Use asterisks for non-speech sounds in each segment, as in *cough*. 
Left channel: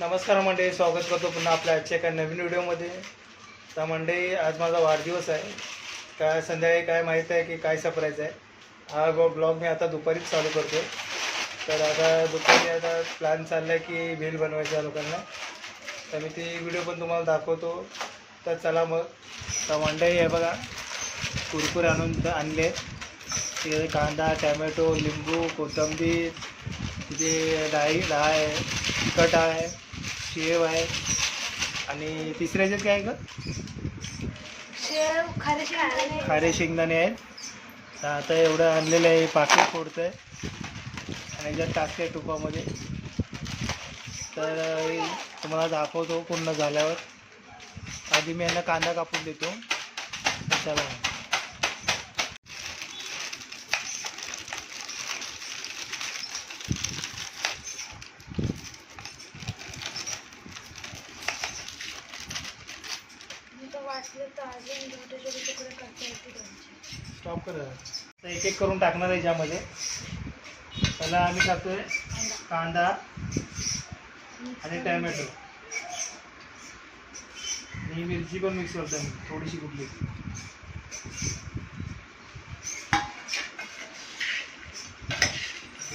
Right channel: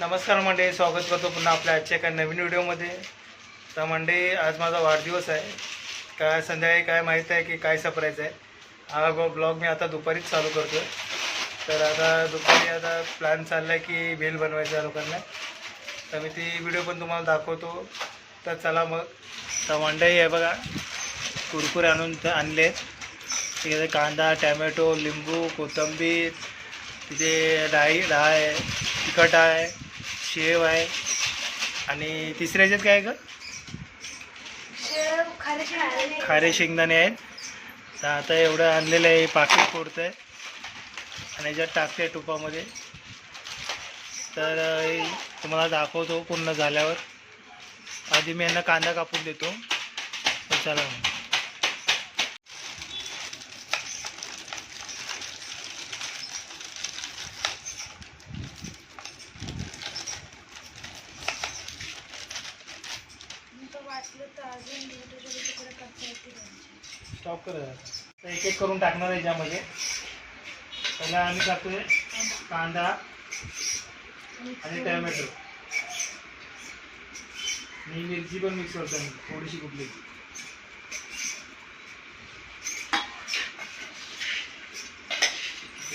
नमस्कार मंडळी स्वागत करतो पुन्हा आपल्या आजच्या एका नवीन व्हिडिओमध्ये. तर मंडळी आज माझा वाढदिवस आहे. काय संध्याकाळी काय माहीत आहे की काय सप्राईज आहे? हा ब्लॉग मी आता दुपारीच चालू करतो तर आता दुपारी आता प्लॅन चालला आहे की भेल बनवायचा आहे लोकांना. तर मी ती व्हिडिओ पण तुम्हाला दाखवतो. तर चला मग. तर मंडळी आहे बघा. कुरकुरे आणून आणले. तिथे कांदा टॅमॅटो लिंबू कोथिंबीर तिथे डाळी डाळ आहे तिखट आहे. शेव आहे. आणि तिसऱ्या ह्याच्यात काय आहे का खारे शेंगदाणे आहेत. तर आता एवढं आणलेलं आहे पाकिट फोडतं आहे आणि याच्यात टाकते टुपामध्ये तर तुम्हाला दाखवतो पूर्ण झाल्यावर. आधी मी यांना कांदा कापून देतो. तर चला मग. स्टॉप कर जरा. तर एक एक करून टाकणार आहे ज्यामध्ये पहिला आम्ही टाकतोय कांदा आणि टॅमॅटो. आणि मिरची पण मिक्स करतो मी थोडीशी कुठली.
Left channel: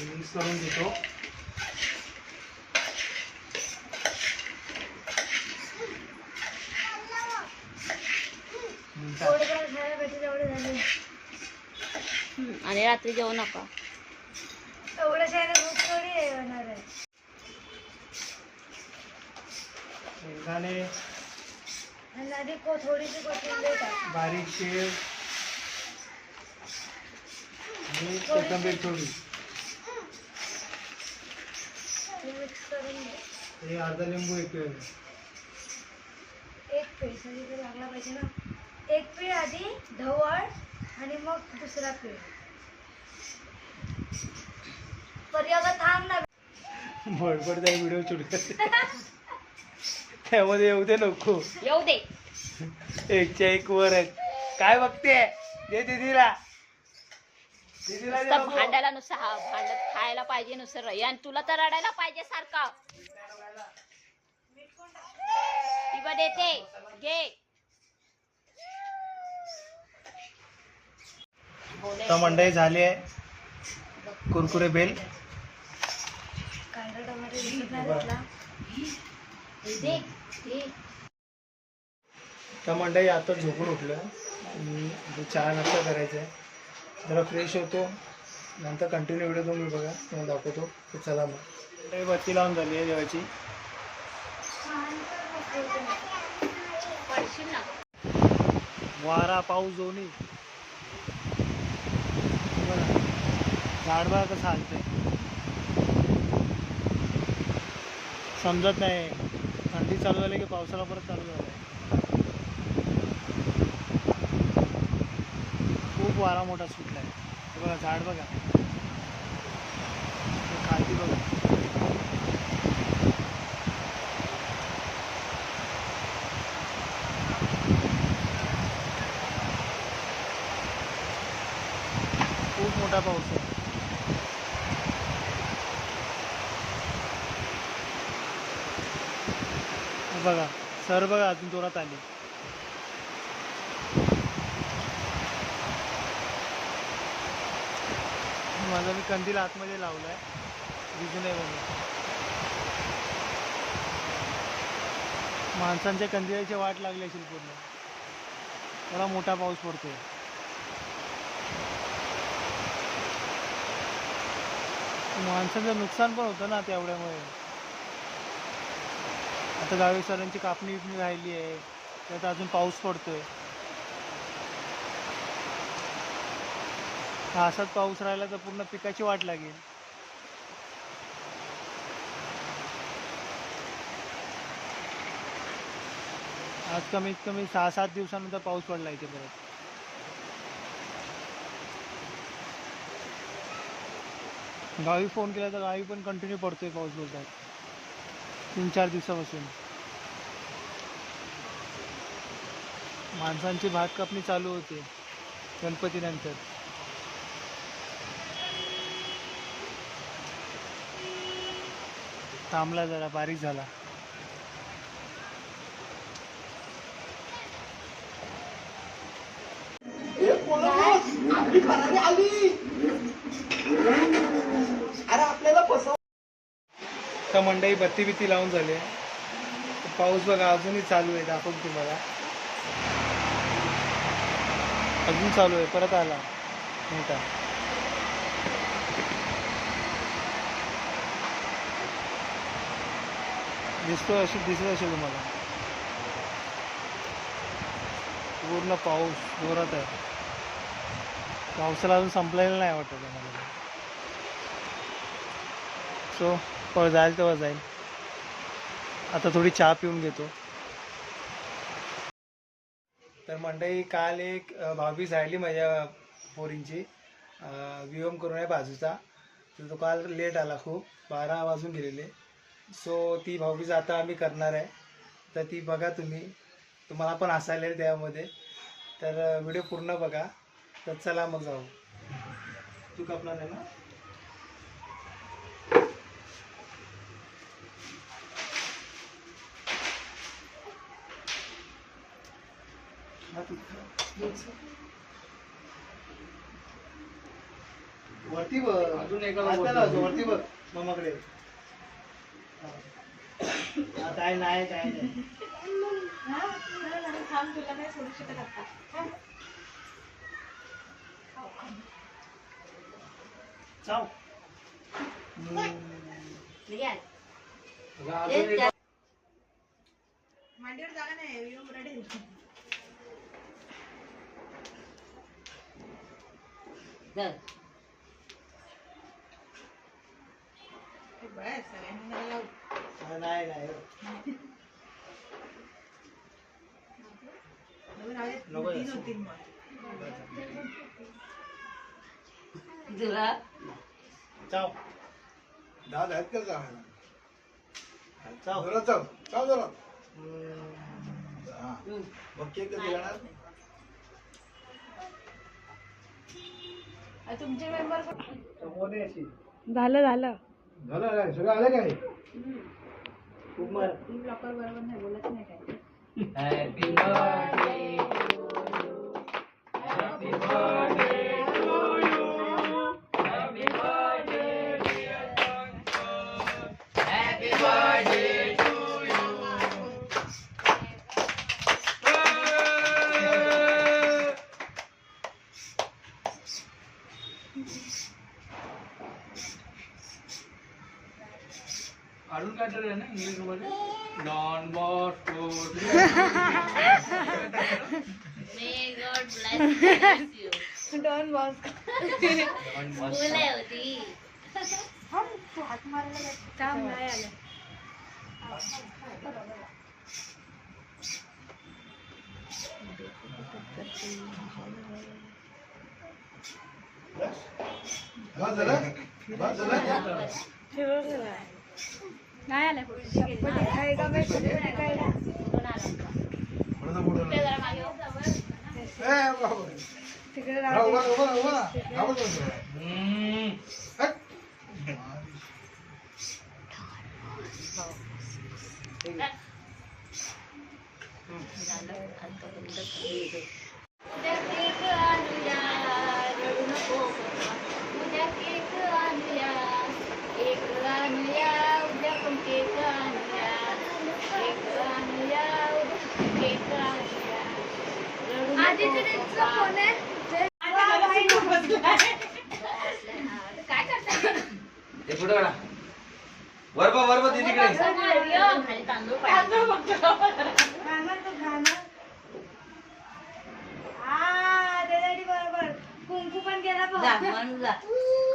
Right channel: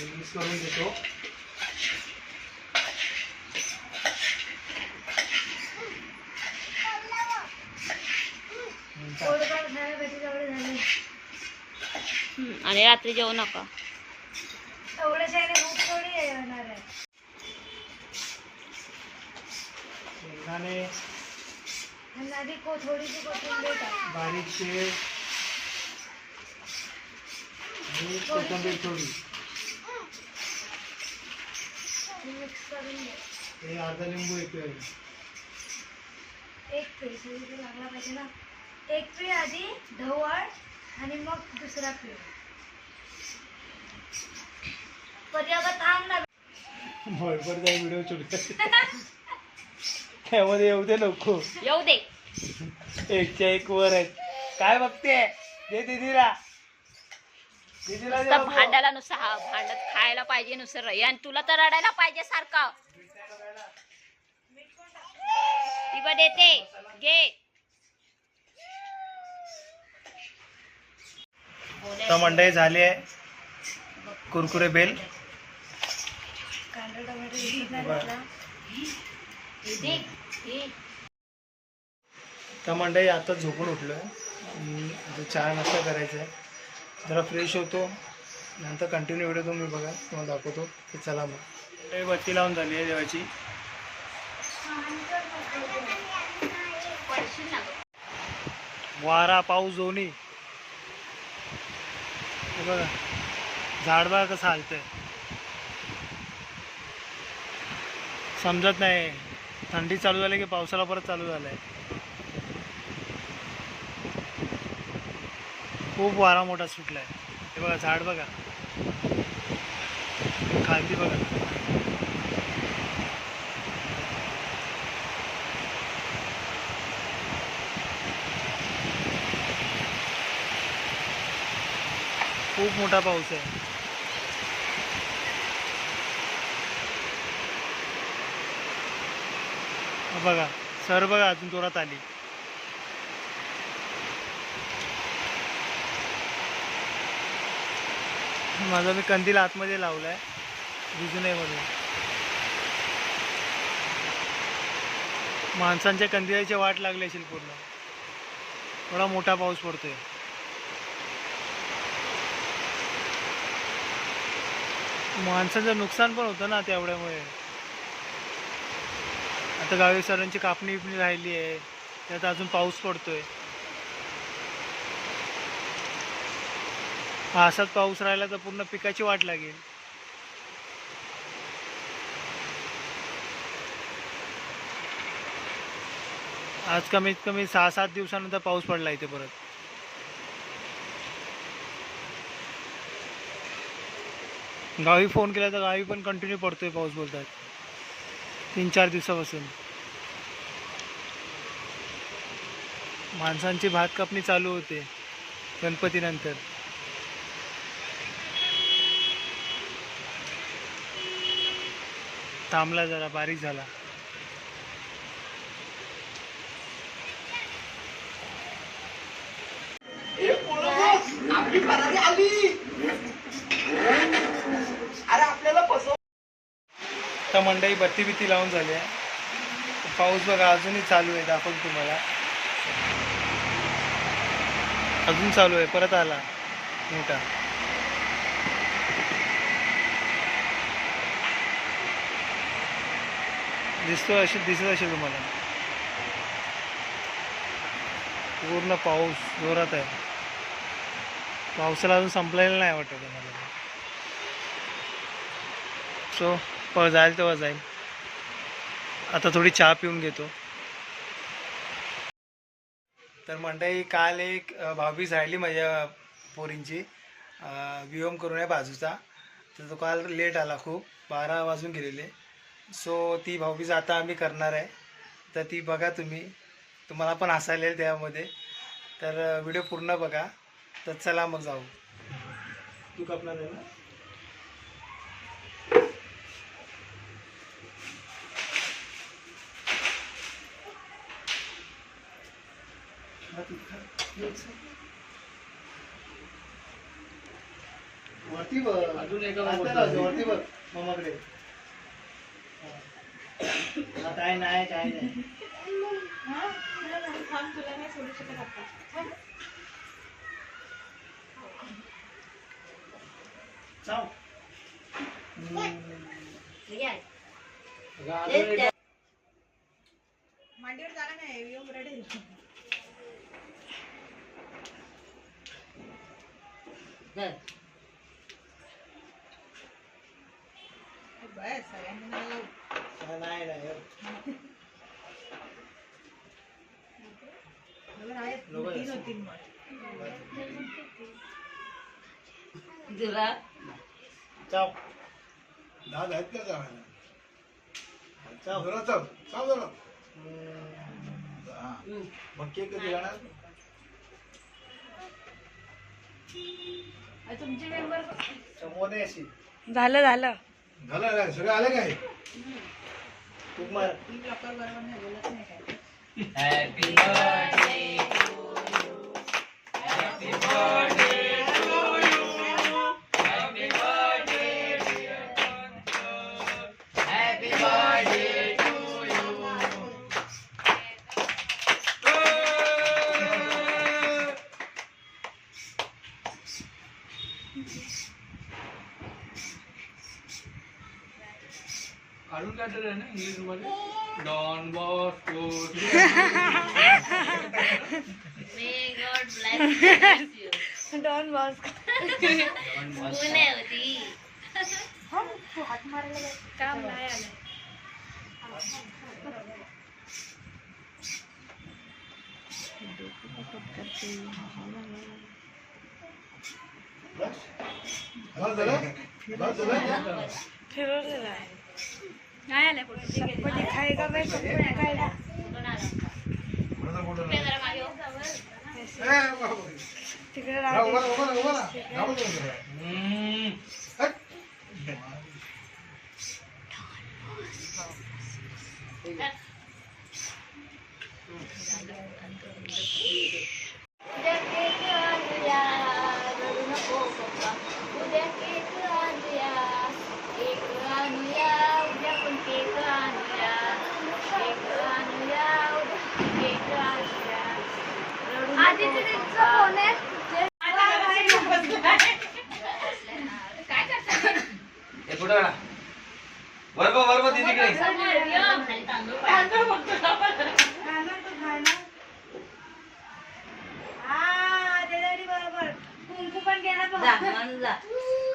मिक्स करून देतो. आणि रात्री जेवू नका. शेंगदाणे बारीक शेव आणि कोथिंबीर थोडी. हे अर्धा लिंबू येतोय. एक म्हणजे ते लागला पाहिजे ना. एक आधी ढवळ आणि मग दुसरा पेज जाईल व्हिडिओ शूट त्यामध्ये येऊ दे नको. येऊ दे. एकच्या एक वर आहेत काय बघते? दे दीदीला. दीदीला दे नुसतं नको. भांडायला नुसतं हा भांडत खायला पाहिजे नुसतं रही आणि तुला तर रडायला पाहिजे सारखं. ती पण देते. घे. तर मंडई झाली आहे. कुरकुरे बेल. कांदा बरं. घेतला. हे तर मंडई आता झोपून उठलो आहे चहा नाश्ता करायचा आहे. जरा फ्रेश होतो. नंतर कंटिन्यू व्हिडिओ तुम्ही बघा. तुम्हाला दाखवतो. चला मग. मंडई बत्ती लावून झाली आहे देवाची. वारा पाऊस दोन्ही. बघा. झाड बघा कसं आहे समजत नाही. थंडी चालू झाली की पावसाला परत चालू झालाय. खूप वारा मोठा सुटला आहे हे बघा झाड बघा. खालती बघा. खूप मोठा पाऊस आहे. बघा सर बघा अजून जोरात आली. माझा मी कंदील आतमध्ये लावलाय दिसू नये म्हणून. माणसांच्या कंदिलाची वाट लागली असेल पूर्ण. थोडा मोठा पाऊस पडतोय. माणसांचं नुकसान पण होतं ना तेवढ्यामुळे आता गावी सरांची कापणी बिपणी राहिली आहे. त्यात अजून पाऊस पडतोय. असाच पाऊस राहिला तर पूर्ण पिकाची वाट लागेल. आज कमीत कमी सहा सात दिवसानंतर पाऊस पडला इथे परत. गावी फोन केला तर गावी पण कंटिन्यू पडतोय पाऊस बोलतात. तीन चार दिवसापासून. माणसांची भात कापणी चालू होते गणपतीनंतर. थांबला जरा बारीक झाला. आली. आता मंडई बत्ती बित्ती लावून झाली आहे. पाऊस बघा अजूनही चालू आहे दाखवून तुम्हाला. अजून चालू आहे परत आला. मोठा. दिसतो अशी दिसत असेल तुम्हाला. पूर्ण पाऊस जोरात आहे. पावसाला अजून संपलेला नाही वाटत मला सो प जाईल तेव्हा जाईल. आता थोडी चहा पिऊन घेतो. तर मंडळी काल एक अ, भाऊबीज राहिली माझ्या पोरींची. विहोम करून आहे बाजूचा. तर तो काल लेट आला खूप. बारा वाजून गेलेले. सो ती भाऊबीज आता आम्ही करणार आहे. तर ती बघा तुम्ही. तुम्हाला पण हसायला येईल त्यामध्ये. तर व्हिडिओ पूर्ण बघा. तर चला मग जाऊ. तू कापणार नाही ना हा, तू खा. वरती बघ अजून एका वरती. बघ मामाकडे. काय नाही काय नाही चाव हा, नाही नाही नको जास्त. तुला चाव दाद आहेत का चावायला चाव जरा चाव चाव जरा हम्म. हा मग केक कधी जाणार तुमचे मेंबर समोर अशी झालं झालं. झालं काय सगळं आलं काय? मार काय तरी आहे ना इंग्लिश मध्ये Don Bosco may God bless you Don boss मुले होती काम नाही आलं बस झालं बस झालं ठरवलेलं आहे नाही आलं चटपटी खायगा बाई चटपटी खायगा कोणाचा फोटो नाही. जरा मागे हो. ए, उभा, उभा. तिकडे उभा, राहते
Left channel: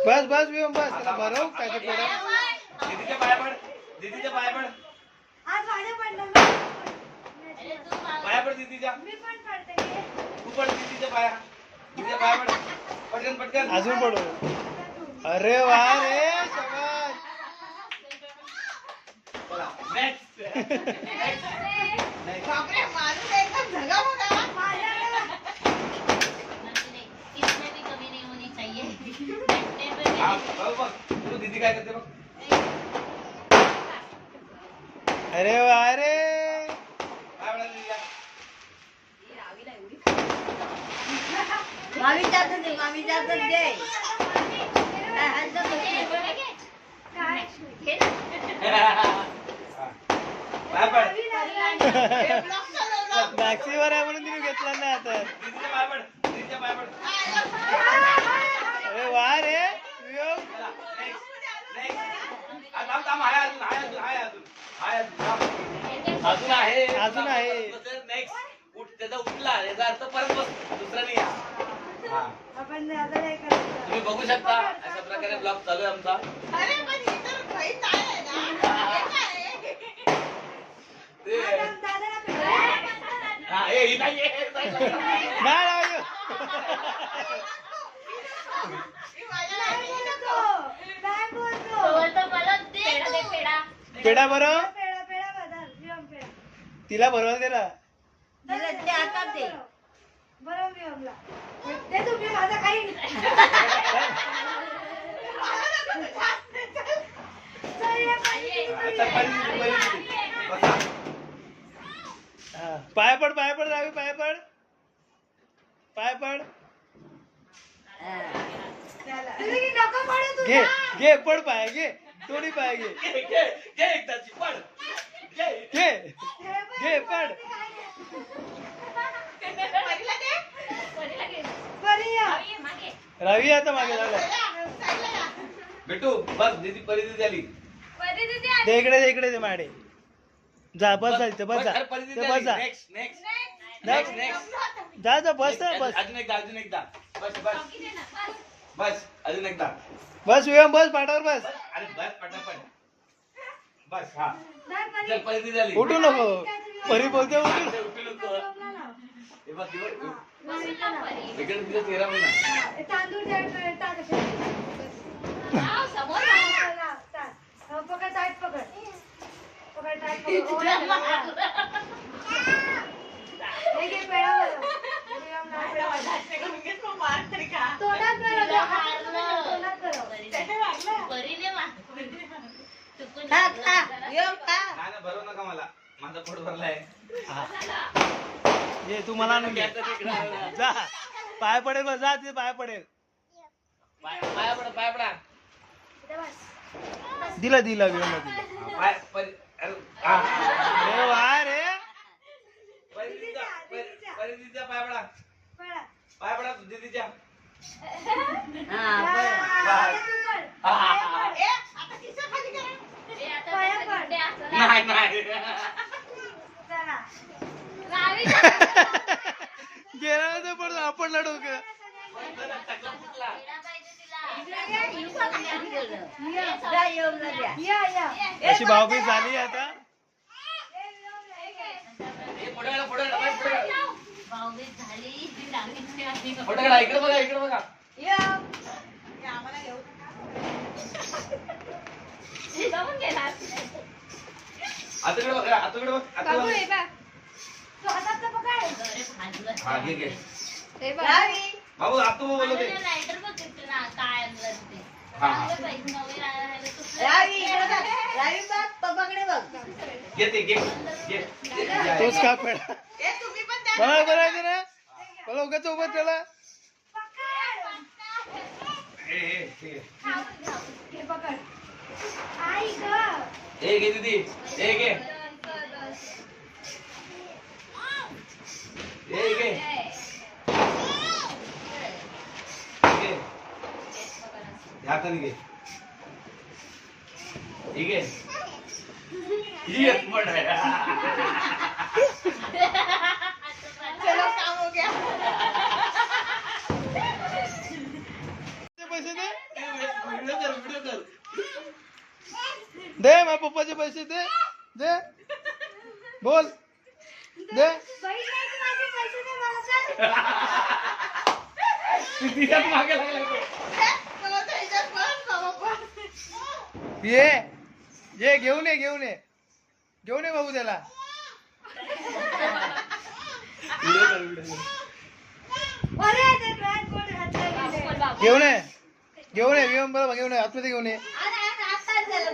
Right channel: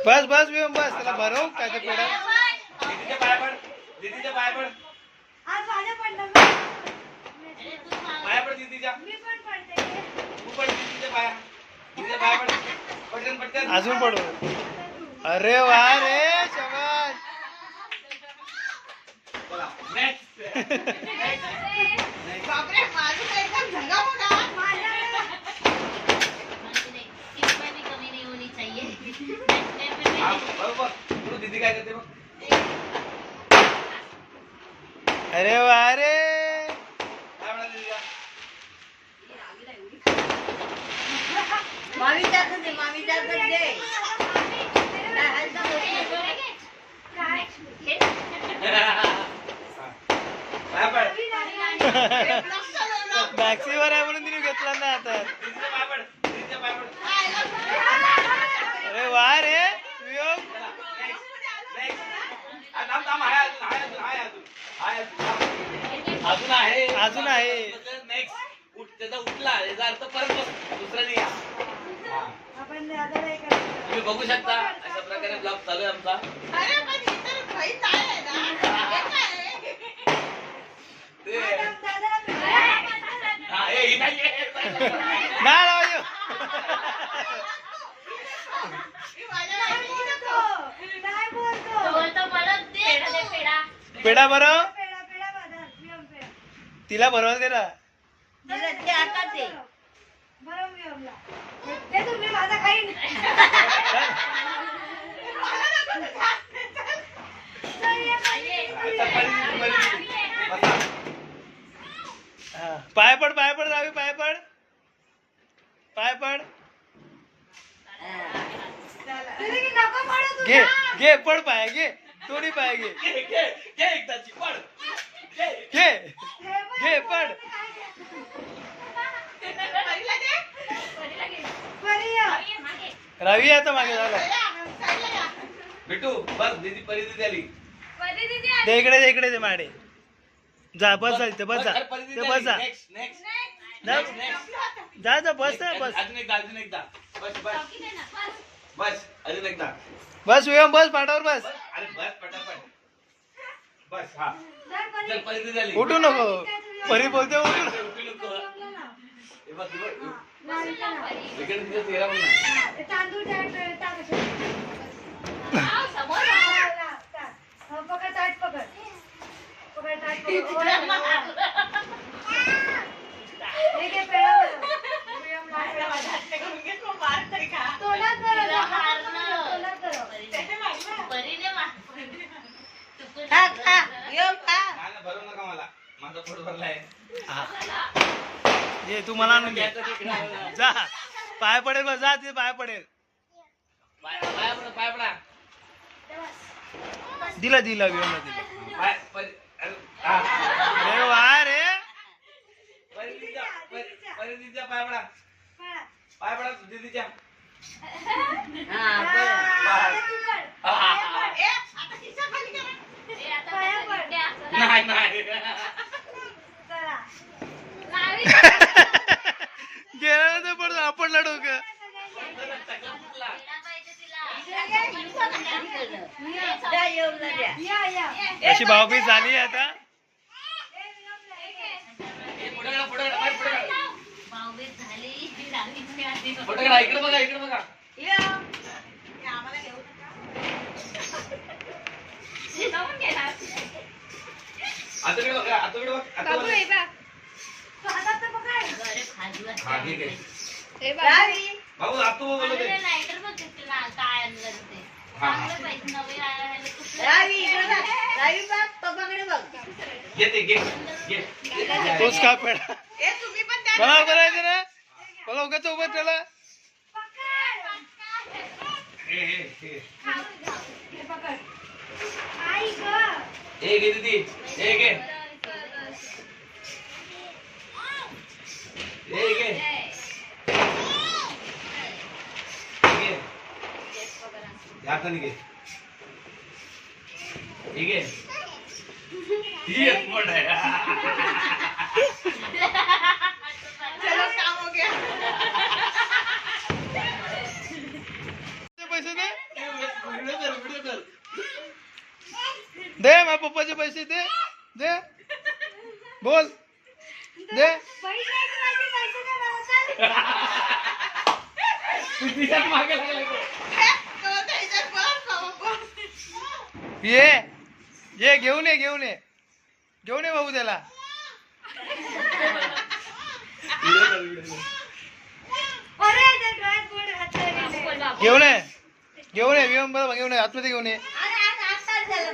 बस बस विहम बस. त्याला भरव काय ते पेढा दीदीच्या पाया पड दीदीच्या पाया पड. आज माझ्या पडलं मी अरे तू मला- पाया पड दीदीच्या. मी पण पडते. तू पड दीदीच्या पाया. दीदीच्या पाया पड. पटकन पटकन. अजून पडव अरे वा रे शबाश चला नेक्स्ट म्हणजे नाही, इसमें भी कमी नहीं होनी अरे वा रे काय म्हणा दीदीच्या पाया पड बॅक्सीवर आहे म्हणून तिने घेतला ना आता. दीदीच्या पाया पड दीदीच्या पाया पड अरे वा रे अजून आहे अजून आहे. नेक्स्ट उठ त्याचा उठला याचा अर्थ परत बस दुसरा नाही हा. तुम्ही बघू शकता अशा प्रकारे ब्लॉग चालू आहे आमचा ते. हा, ए, ही. नाही *laughs* बोलतो. नाही बोलतो. तो बोलतो मला दे पेढा दे पेढा पेढा बरं. तिला बरोबर दे ना बरं विरमला. ते तुम्ही माझा काही चल, ये पाणी, आता परिस्थिती, परिस्थिती. बसा. हा. पाय पड पाय पड रावी पाय पड पाय पड तुम्ही नको पडू तू घे जा. पड पाय घे. दोन्ही पाय घे. घे, एकदाची, पड. घे. घे. हे पड. रावी आता मागे झालं भेटू बस दीदी परिस्थिती आली. दे इकडे दे इकडे दे माडे. जा बस जा इथे बस जा. ते बस जा. जा. जा जा बस ना बस. अजून एकदा अजून एकदा. बस बस. बस अजून एकदा. बस वियम बस पाठावर बस. बस अरे बस पटापट. बस हा. चल झाली. उठू नको. परी बोलते उठू. नको. उठू नको. विरमला लाव. हे बघ, हे बघ. इकडे तुझं तांदूळ. हो, पकड ताट पकड. पकड ताट पकड. *laughs* हे. घे, पेढा पेढा नाही ना भरवू नका मला. माझा पोट भरलाय. हा. ये तू मला आणून घे जा. पाय पडेल बस जा तिथे पाय पडेल. पाय पाया पडा पाया पडा. दिला दिला दिला पाय परि- अरे. अरे वा रे परिस्थितीचा परि- परिस्थितीचा पाय पडा. पाय पडा दीदीच्या तू हा. नाही नाही. चला. गेला तर पडतो आपण या. अशी भावबीज झाली आता. हे इकडे बघा आताकडे बघा आताकडे बघ आता बघ. हा. भाऊ आतू बोलत आहे. हा, हा. घे घे. तोच का पेडा? मला बोलायचं ना मला उगाच उभं त्याला. हे, हे, हे. हे पकड. आई गं. हे घे दीदी हे घे हे घे घे ह्या हाताने घे हे घे ही एक मोठ आहे पैसे दे व्हिडिओ कर व्हिडिओ कर दे माझ्या पप्पाचे पैसे दे दे. बोल. दे. *laughs* मागे. ये ये घेऊन ये घेऊन ये. घेऊन ये भाऊ त्याला. घेऊन ये. घेऊन ये विमान बरोबर घेऊन ये आतमध्ये घेऊन ये.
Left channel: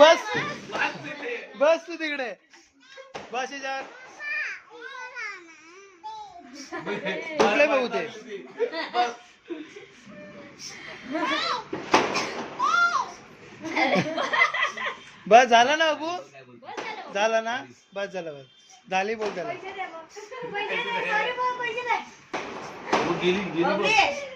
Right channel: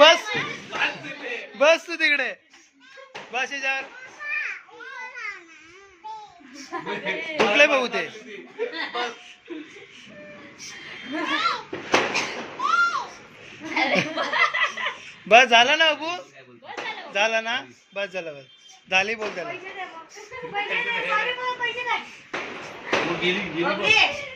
बस. बस तू तिकडे. बस याच्यावर कुठले बघू ते. बस झाला ना अबू? झाला ना? बस झालं बस. झाली बोल त्याला. गेली गेली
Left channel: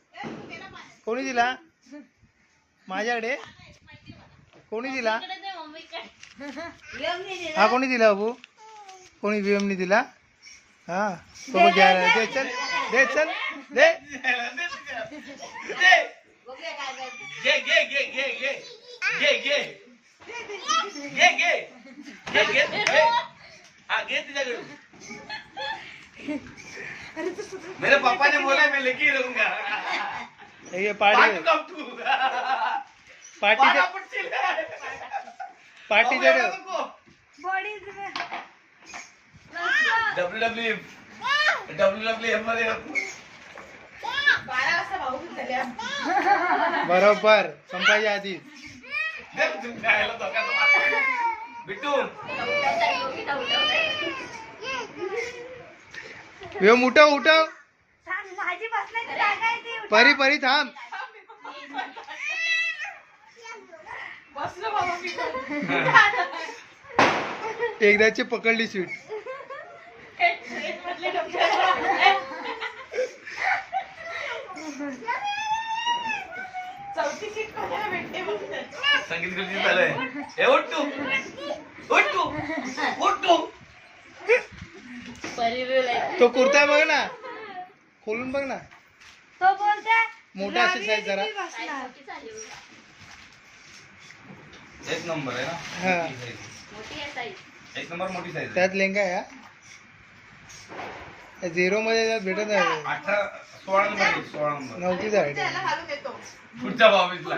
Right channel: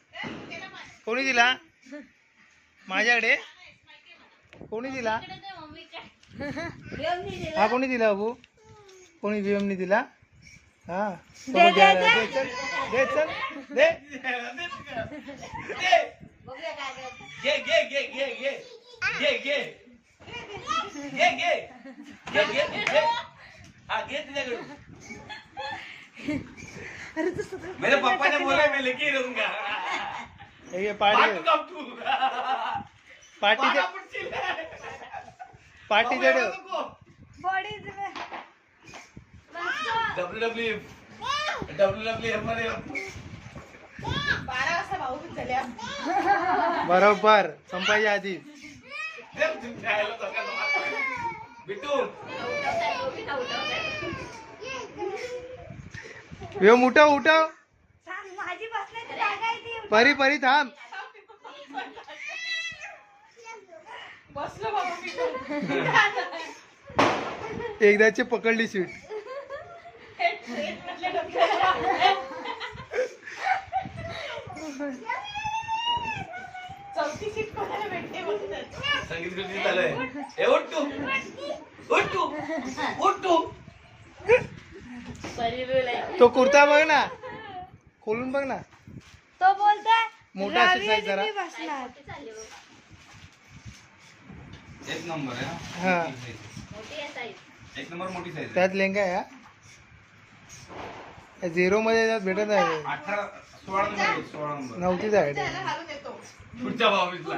कोणी दिला माझ्याकडे कोणी दिला हा कोणी दिला अबू कोणी दिला हा बाबा घ्यायला दे चल दे चल दे. हा मेरे पापा ने बोला मैं लेके ही रहूँगा हे पाठी पाठीच्या पाठीच्या W W F W W एफमध्ये. बरोबर. संपायच्या आधी. बिट्टू. वेम उठव. परी परी थांब. *laughs* एकदाची पकडली सीट. संगीत खुर्ची चालू आहे ए उठ तू. उठ तू. उठ तू. तो कुर्ता बघ ना. खोलून बघ ना. तो बोलता मोठा साईज जरा. एक नंबर आहे हा. ना मोठी एक नंबर मोठी साईज त्यात लेंगा आहे हा? झिरो मध्ये त्यात भेटत नाही अठरा सोळा नंबर आहे, सोळा नंबर. नव्हतीच आहे. पुढच्या बावीसला.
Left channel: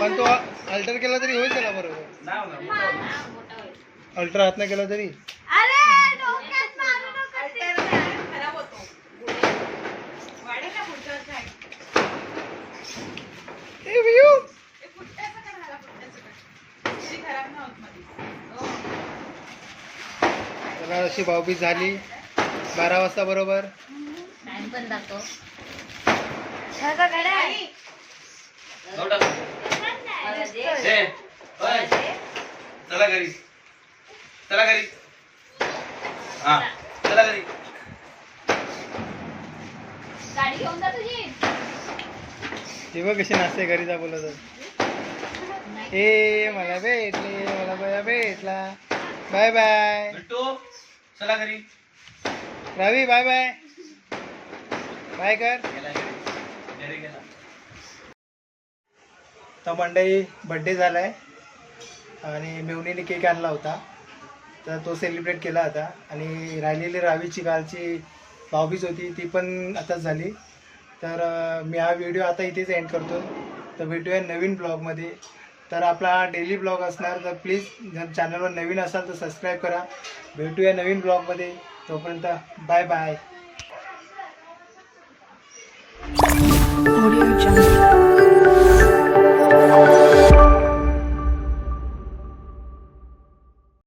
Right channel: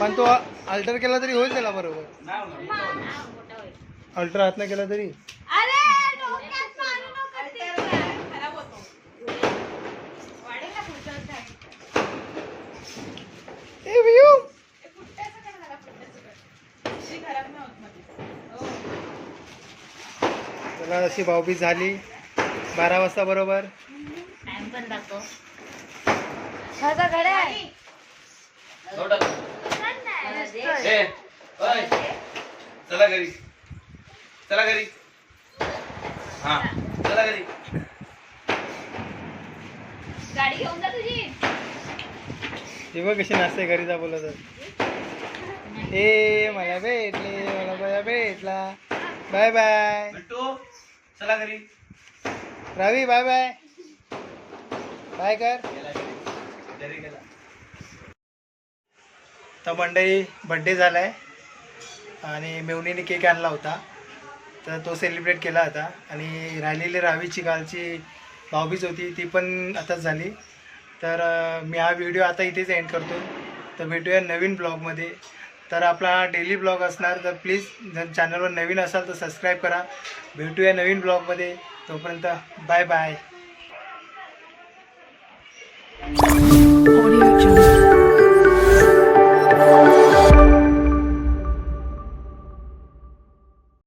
पण तो अल्टर केला तरी होईल त्याला बरोबर. नाही होणार, मोठं होणार. मोठा होईल. अल्ट्रा हात नाही केला तरी. अरे डोक्यात मारू नका ते. ए वियू त्याला अशी भाऊबीज झाली. बारा वाजता बरोबर. टाइम पण दाखव. मला दे. चला घरी. चला घरी. हा चला घरी. गाडी घेऊन जा तुझी ते बघ कशी नाचते घरी जा बोलत ए मला भेटले मला बया भेटला. Bye bye. बिट्टू चला घरी. रवी बाय बाय बाय कर. गेला घरी. घरी गेला. तर मंडळी बड्डे झाला आहे आणि मेवणीने केक आणला होता. तर तो सेलिब्रेट केला होता आणि राहिलेली रावीची कालची भाऊबीज होती ती पण आताच झाली. तर मी हा व्हिडिओ आता इथेच एंड करतो तर भेटूया नवीन ब्लॉगमध्ये तर आपला डेली ब्लॉग असणार तर प्लीज जर चॅनलवर नवीन असाल तर सबस्क्राईब करा. भेटूया नवीन ब्लॉगमध्ये तोपर्यंत बाय बाय Audio Jungle.